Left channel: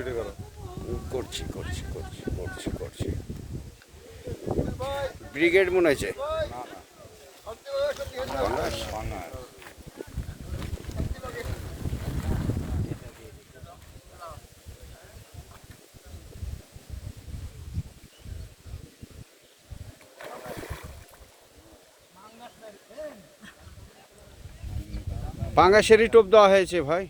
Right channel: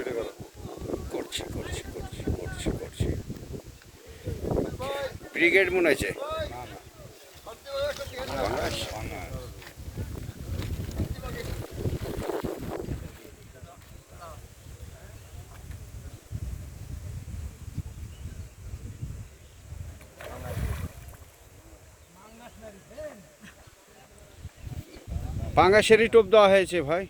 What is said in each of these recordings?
Video করো। করছি করছি করছি করছি করছি। ব্রিগেড মনে হয়েছে? বাংলাদেশ? পাঙ্গাসেরই টোপ দেওয়া হয়েছে ভাই।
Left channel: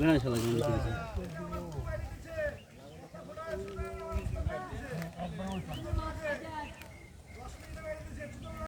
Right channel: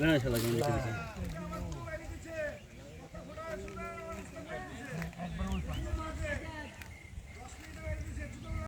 না শালা কেমন